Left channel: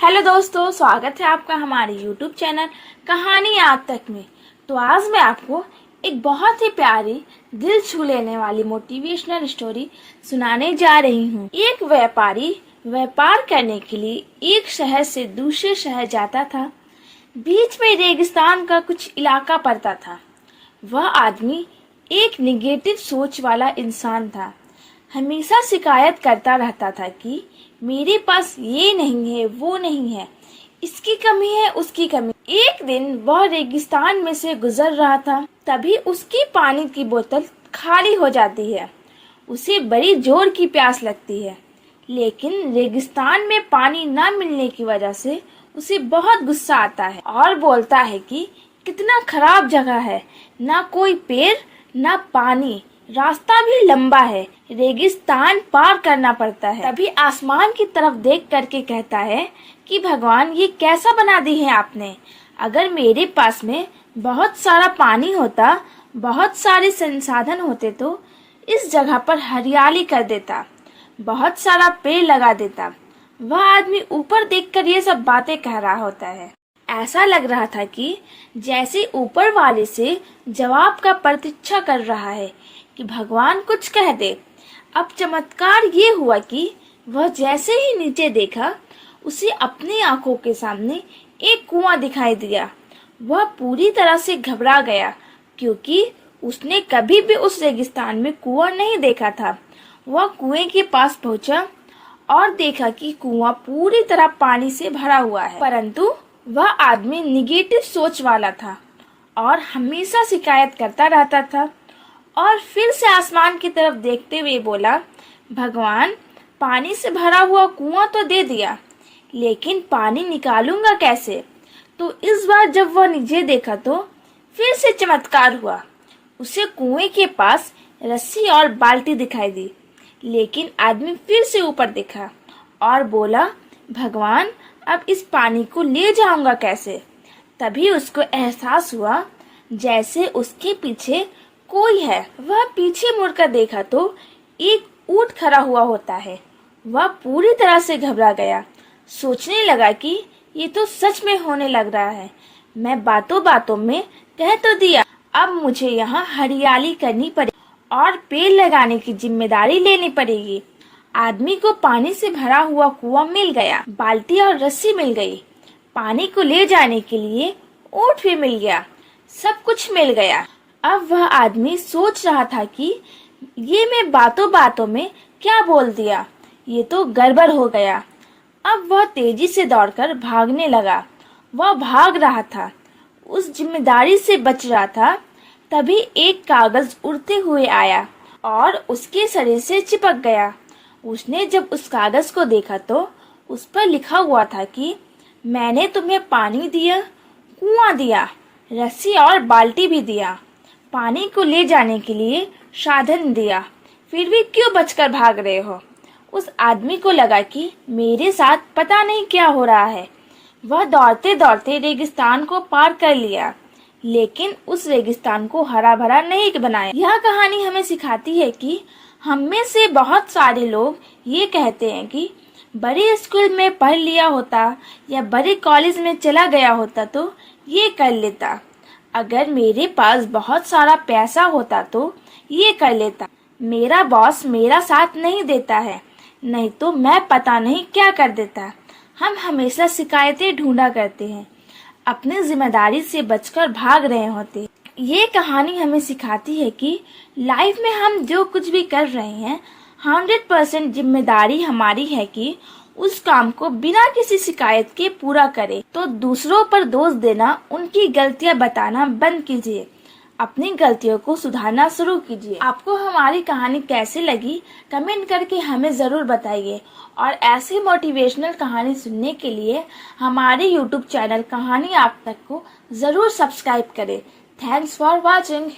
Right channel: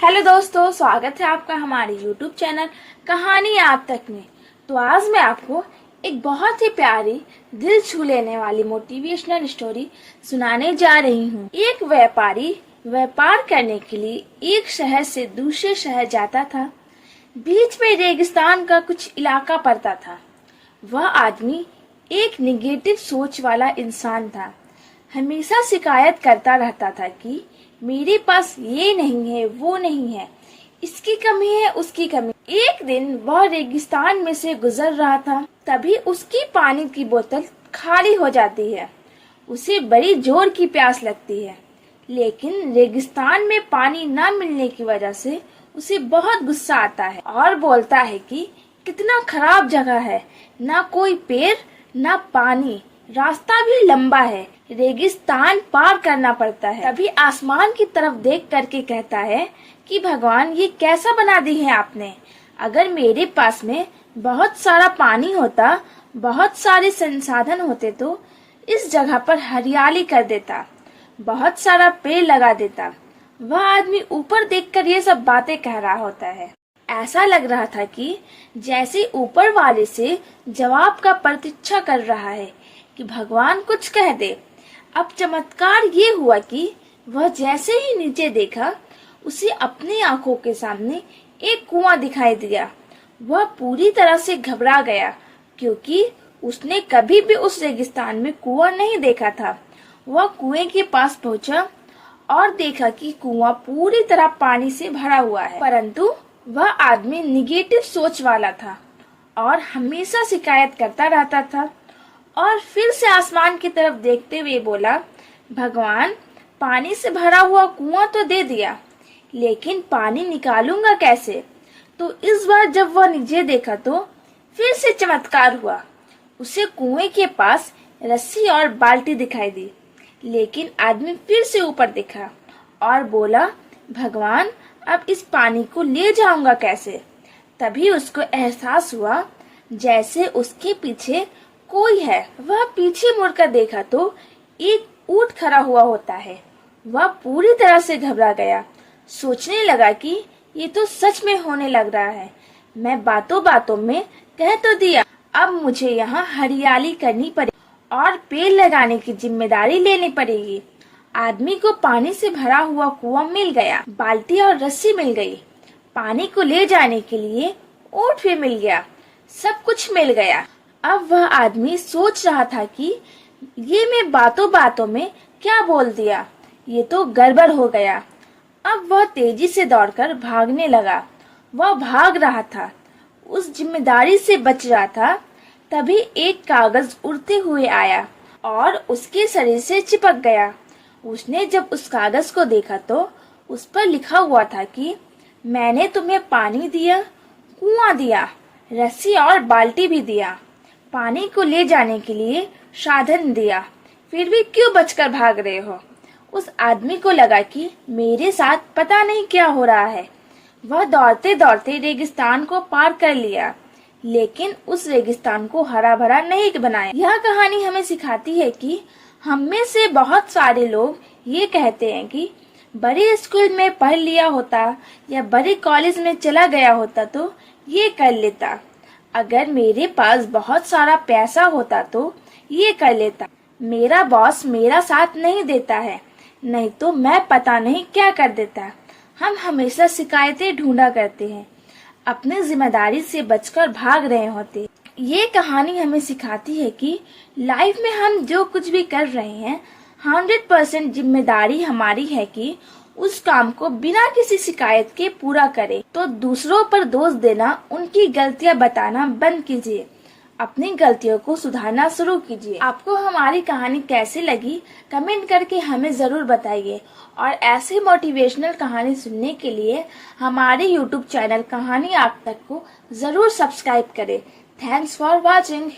Hello दोस्तों, स्वागत है आपका हमारे YouTube चैनल कहानी आज तक में। तो आज मैं आपको एक बहुत ही प्यारी दिल छू लेने वाली मोटिवेशनल स्टोरी सुनाने जा रही हूँ। एक व्यापारी व्यापार करने के लिए एक शहर से दूसरे शहर जाता था। बीच में रेगिस्तान का कुछ इलाका पड़ता था। वह आदमी एक निगेटिव सोच वाला इंसान था। हमेशा शिकायत करता रहता था कि मेरे पास ये नहीं है, वो नहीं है, इसकी कमी है, उसकी कमी। एक दिन वह रेगिस्तान में से गुजर रहा था, तभी उसकी पानी की बोतल खाली हो जाती है। उसे बड़ी जोर की प्यास लगती है, लेकिन रेगिस्तान में पानी न मिलने की वजह से उसे बहुत गुस्सा आता है और बोलता है कि कितना खराब जगह है, ना कोई पेड़ ना पानी, रास्ता भी लंबा है, रेगिस्तान पार करना पड़ता है। तभी आसमान की तरफ देख करके कहता है कि भगवान, ये कैसा बना दी है आपने। अगर मेरे पास में बहुत सारा पानी होता, बहुत सारे संसाधन होते तो इस जगह पर हरियाली कर देता, बहुत सारा पेड़ लगा देता। वह आदमी ऊपर देखकर ये सब बातें कह रहा होता है। ऐसा लग रहा था कि जैसे ऊपर वाले से जवाब का प्रतीक्षा कर रहा है कि भगवान कुछ कह दे। अब चमत्कार ये हुआ कि वह जैसे ही नीचे देखा, उसे अपनी आंखों के सामने एक कुआं दिखाई दिया। वह पूरी तरह से घबरा गया, क्योंकि उसने कभी भी उस रेगिस्तान में कुआं नहीं देखा था। वह कुएं के पास पहुंचा और देखा कि कुआं पूरी तरह पानी से भरा हुआ है, परंतु वह आदमी निगेटिव सोच वाला था और हमेशा शिकायत करता रहता था। और फिर से आसमान की तरफ देखते हुए बोला, भगवान, पानी से भरा हुआ कुआं तो दे दिया, लेकिन पानी निकालूंगा कैसे। तो इस बार जब वह नीचे देखा तो फिर से चमत्कार हुआ। उसे कुएं के पास रस्सी और बाल्टी दिखाई दी, लेकिन आदमी फिर से ऊपर देखा और बोला, भगवान, अब इस पानी को ले जाऊंगा कैसे। तभी उसको एहसास हुआ जैसे उसके पीछे कोई है। वह पीछे मुड़कर देखा तो एक ऊंट खड़ा हुआ होता है। वह पूरी तरह से घबरा गया, सोचने लगा कि ये तो सच में होने लग रहा है। मैं बातों बातों में कह तो दिया, अब मुझे यहाँ हरियाली करनी पड़ेगी और पेड़ लगाने की जिम्मेदारी लेनी पड़ेगी। आदमी को पानी से भरा हुआ कुआं मिल गया, बाल्टी और रस्सी मिल गई, पानी को ले जाने के लिए ऊंट भी मिल गया, सब कुछ मिल गया। अब वह आदमी सोच रहा था कि ये मैं बातों बातों में क्या बोल दिया, ये तो गड़बड़ हो गया। अब वह तेजी से दौड़कर भागने लगा। वह भाग रहा था, उस जिम्मेदारी से बच रहा था। तभी एक कागज उड़ते हुए आया और उसके शरीर से चिपक गया। उसने जब उस कागज को देखा तो उस पर लिखा हुआ था कि मैंने तुम्हें पानी दिया, कुआं दिया, रस्सी और बाल्टी भी दिया, पानी को ले जाने के लिए साधन दिया, फिर भी क्यों बचकर भाग रहे हो। उस आदमी को लगा कि मेरे साथ पता नहीं क्या हो रहा है। वह दौड़ते दौड़ते रेगिस्तान को पार कर लिया, लेकिन उस रेगिस्तान को हरा भरा नहीं बनाया। यह कहानी हमें सिखाती है कि हम में से बहुत सारे लोग ये कहते हैं कि बड़े स्कूल में पढ़ लिया होता या बड़े कॉलेज में चला गया होता तो ये कर लेता, अगर मेरे पास बहुत सारा पैसा होता तो ये कर लेता, मेरा बॉस मेरा साथ नहीं देता है, नहीं तो मैं पता नहीं क्या कर देता। हम हमेशा शिकायतें ढूंढा करते हैं, अपनी जिम्मेदारी से बचकर भाग रहे होते। ये कहानी हमें सिखाती है कि लाइफ में हम जो कुछ भी कर रहे हैं 100% जिम्मेदारी हमारी है कि उस काम को बिना किसी शिकायत के पूरा करें। तो दूसरों पर दोष देना, उनकी गलतियां बताना बंद कीजिए, अपनी गलतियों को सुधारना शुरू कीजिए। आपको हमारी कहानी कैसी लगी कमेंट करके हमें जरूर बताइए और ऐसे मोटिवेशनल कहानी सुनने के लिए हमारे YouTube चैनल कहानी आप तक को जरूर सब्सक्राइब करें। Thanks for watching.